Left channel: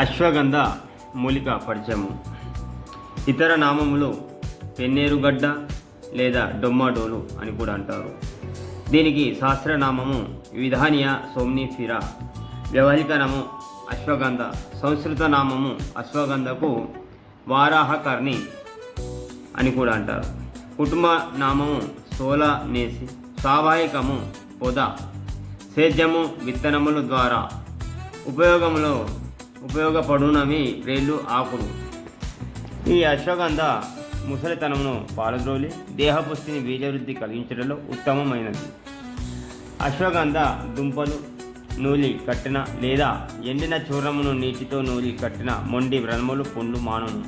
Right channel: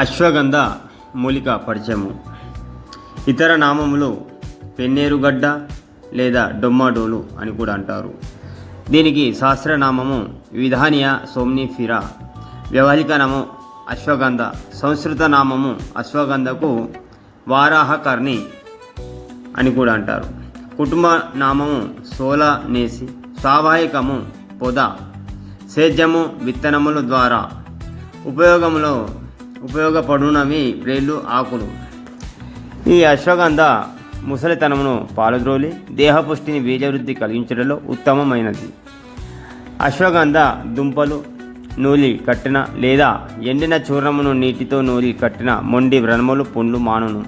అశ్వగంధ మూలిక పరిచయము. ఇతర నామములు పెన్నేరుగడ్డ లేదా డొమ్మాడోలు అని కూడా అంటారు. దీనికి శాస్త్రనామము విధానియా సోమ్నిఫిరా, వ్యవహారిక నామం అశ్వగంధ, సంస్కృత నామము అశ్వగంధకు వారాహకర్ణి అని కూడా అంటారు. కుటుంబ నామము సోలనేసి, స్వాభావికము పొద, సేద్యము విత్తనముల ద్వారా ఉపయోగపడునవి వేళ్ళు ఆకులు. ఈ అశ్వగంధ ముసలితనమును పాలద్రోలి దేహపుష్టిని బీజవృద్ధి కలిగించడంలో ఉత్తమమైనది. అశ్వగంధ దుంపలు నూలి కట్టిన లేదా ఎండిన చూర్ణమును నీటితో నూలి కట్టిన మొండి వ్రణములు పుండ్లు మానును.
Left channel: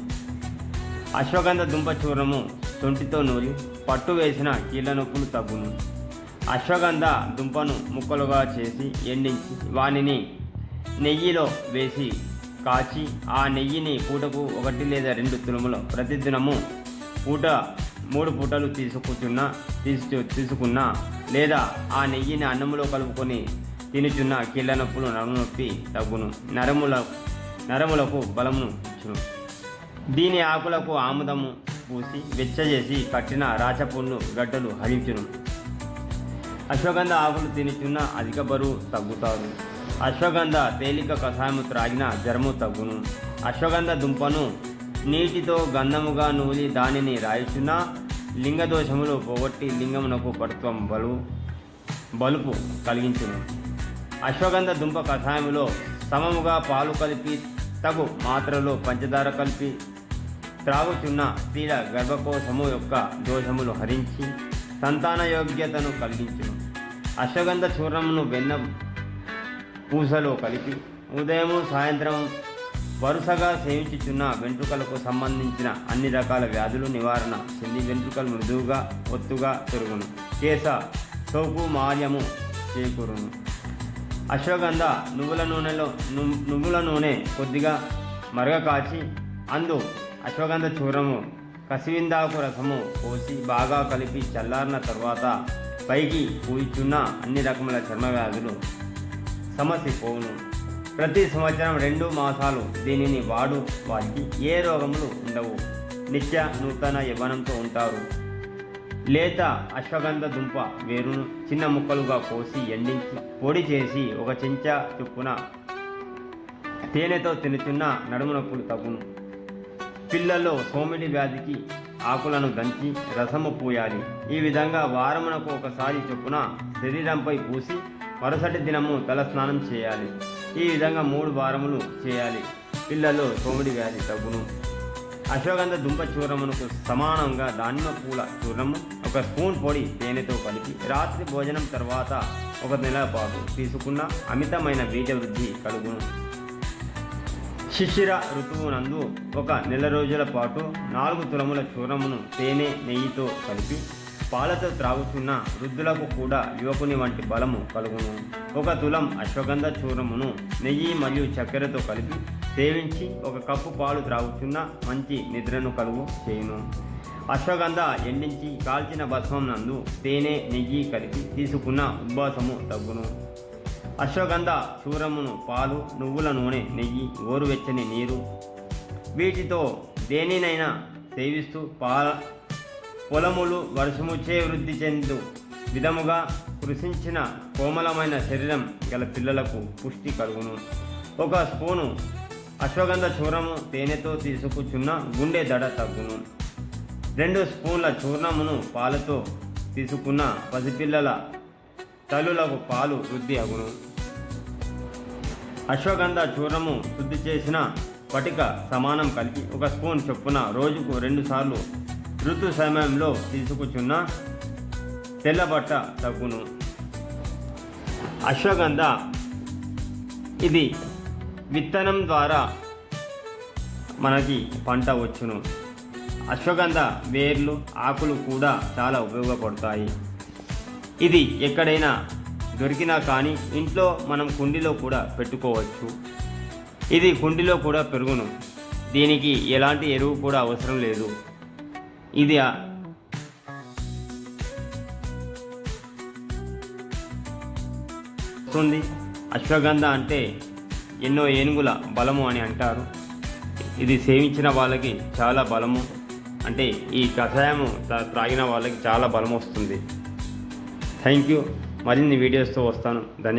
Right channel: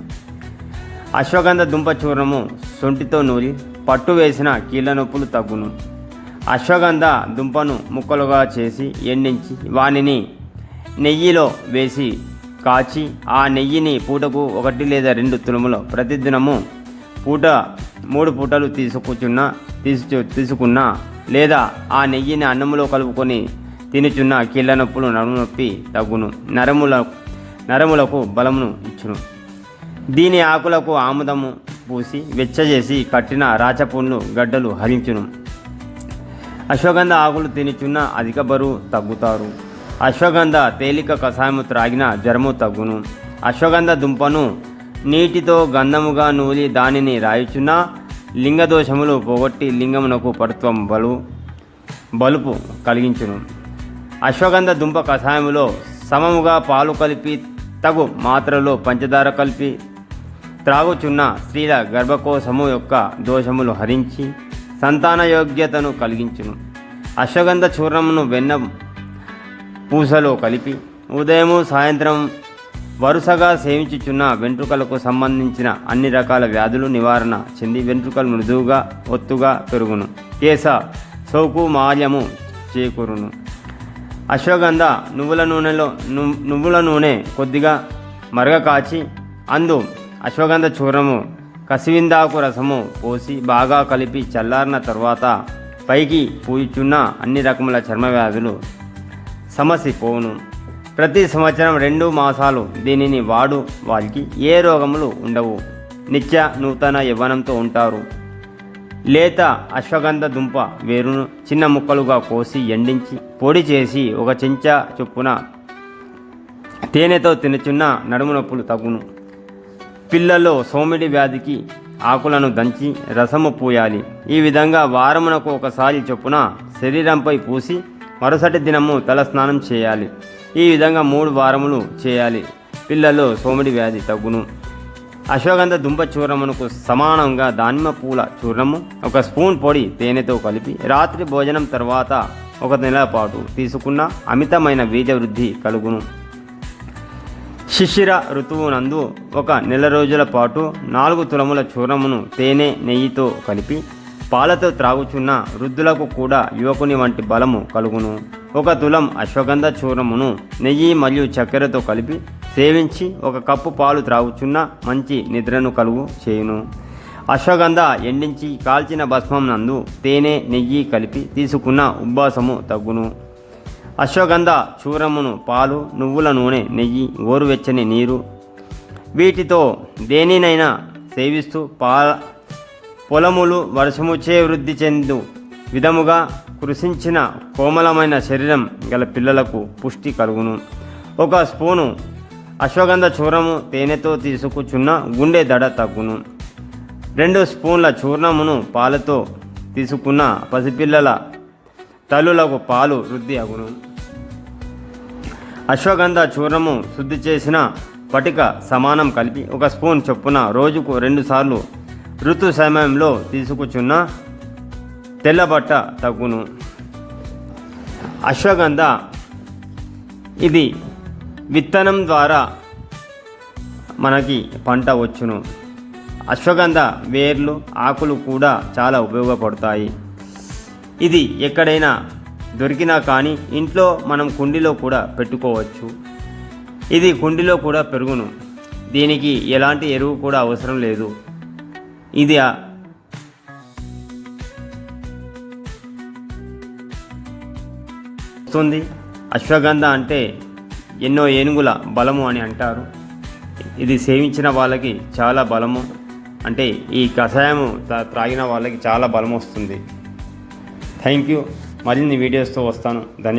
అశ్వగంధ దుంప చూర్ణము సొంటితో నూలి పట్టు వేసిన కీళ్ళ నొప్పులు తగ్గును. అశ్వగంధ దుంపను ముక్కలుగా చేసి ఎండించి వానిని నెయ్యిలో వేసి కాచి ఆ నెయ్యిని పూటకు 1 లేదా 2 తులములు ప్రతిదినము 3 పూటలు తీసుకున్నా లేదా ఆ నెయ్యిని అన్నములో కలుపుకొని తినుచున్న కీళ్ళ నొప్పులు నడుము నొప్పి తగ్గును, నరములకు బలమును ఇచ్చును. దీని ఆకులకు ఆముదము పూసి వెచ్చజేసి కట్టిన రాచపుండ్లు గడ్డలు హరించును. అశ్వగంధ ఆకులు తినుచున్న అధిక బరువు తగ్గుతారు. అశ్వగంధ తేలిక కషాయము త్రాగిన జ్వరము తగ్గును. అశ్వగంధ దుంపను నీటితో గంధముగా నూలి దానిని రాయుచున్న లింగదోషములు పోగొట్టి లింగమునకు పటుత్వం బలుపు కలిగించును. అశ్వగంధ దుంప కషాయములో సమముగా పాలు కలిపి తగు మాత్రలో పంచదార కలిపి త్రాగుచున్న స్త్రీల గర్భకోశము యొక్క దోషములు హరించి సంతాన యోగ్యతను కలిగించును. అశ్వగంధ చూర్ణమును వెన్న పూసలో కలిపి ఉదయము సాయంత్రం వరుసగా సేవించుచున్న వెంట్రుకలకు సంబంధించిన అన్ని రకాల వ్యాధులు నివారణ చెంది వెంట్రుకలు మృదువుగా ఒత్తుగా పెరుగును, కేశ సోకు మాల్యము చేకూరును. అశ్వగంధ నువ్వుల నూనె కొద్దిగా మరగ కాచి అందు అశ్వగంధ చూర్ణము కసివిందాకు రసము పోసి బాగా కలిపి చల్లారిన తర్వాత పైకి పూయిచున్న అన్ని రకముల చర్మ వ్యాధులు సమసిపోవును. ప్రతి సంవత్సరం 2 మాసాలు దీనిని వారికి ఏ రోగములు ఉండవు. నిత్య నూతన యవ్వనంతో ఉంటారు. లేత అశ్వగంధ దుంప వేరును చిన్న ముక్కలుగా కోసి ఎండించి పొడి చేసి 1 చెంచా చొప్పున తేనెతో తినుచున్న నడుము నొప్పులు తగ్గును. పిల్లల్లో సోమిడి వ్యాధికి ఆకులను దంచి రసము పూయాలి. ఈ విధంగా వారమునకు 1 సారి చొప్పున శరీరంపై పూసి మరుసటి దినము తల స్నానం చేయాలి. ఈ విధంగా 3 వారములు చేయాలి. పిల్లల్లో సోమిడి వ్యాధి తగ్గును. అశ్వగంధ దుంప చూర్ణమునకు సమానంగా దానిమ్మ పూల చూర్ణము 1 స్పూన్ పొడి తేనెతో కలిపి రాత్రి భోజనం తర్వాత 1 నెల పాటు తీసుకున్న అమితమైన బీజవృద్ధి కలుగును. శిశిర ఋతువునందు 1 నెల రోజుల పాటు 4 తులముల చూర్ణమును తేనె నెయ్యితో కలిపి పాలతో త్రాగుచున్న వృద్ధులకు కూడా యువకుని వంటి బలము కలుగును. 1 తులం అశ్వగంధ చూర్ణమును నెయ్యి మరియు చక్కెరతో కలిపి సేవించి 1 కప్పు పాలు త్రాగుచున్న మంచి నిద్రను కలుగు చేయును. అశ్వగంధ ఎండించి కాల్చిన భస్మం నందు తేనె నెయ్యి కలిపి తీసుకున్న ఉబ్బాసము తగ్గును. అశ్వగంధ చూర్ణమును పాలు, నువ్వుల నూనె, నెయ్యి, గోరువెచ్చని నీరు వీటితో దేనినైనా సేవిస్తూ పొలములు వర్షముచే వృద్ధి చెందు విధముగా కృషించిన కోమలమైన శరీరం గల పిల్లలకు పుష్టి కలుగును. 1 స్పూను అశ్వగంధ చూర్ణము తేనెతో తీసుకుచున్న గుండె దడ తగ్గును. 2 స్పూన్ల చూర్ణమును పాలతో తీసుకున్న పసిపిల్లల తల్లులకు పాలు వృద్ధి అగును. అశ్వగంధ చూర్ణము శుద్ధి చేసిన పటిక సమానం కలిపి 1 స్పూన్ చొప్పున రోజుకు 2 సార్లు ఋతు సమయంలో తీసుకుచున్న తెల్లబట్ట తగ్గును. అశ్వగంధ ఇది విత్తనం ద్వారా మనకి పంట వచ్చును. అశ్వగంధ వేర్లు ఆకులు కూడా చాలా ఉపయోగపడతాయి. ఇది ఎక్కడైనా దొరికినా కానీ ఇంట్లో మనం కుండీలో కూడా పెట్టుకోవచ్చు. ఇది కుండీలో కూడా పెరుగును. దీనికి ఎలాంటి ఎరువు కూడా అవసరం లేదు. ఇది అశ్వగంధ అంటే ఎన్నో ఏనుగుల బలము అని అంటారు. ఇది సేవించిన వాళ్ళకి చాలా బలము, అంటే ఈ కషాయము త్రాగిన వాళ్ళకి చాలా బలం వస్తుంది. Thank you. మరిన్ని వీడియోస్తో వస్తాను. ధన్యవాదాలు.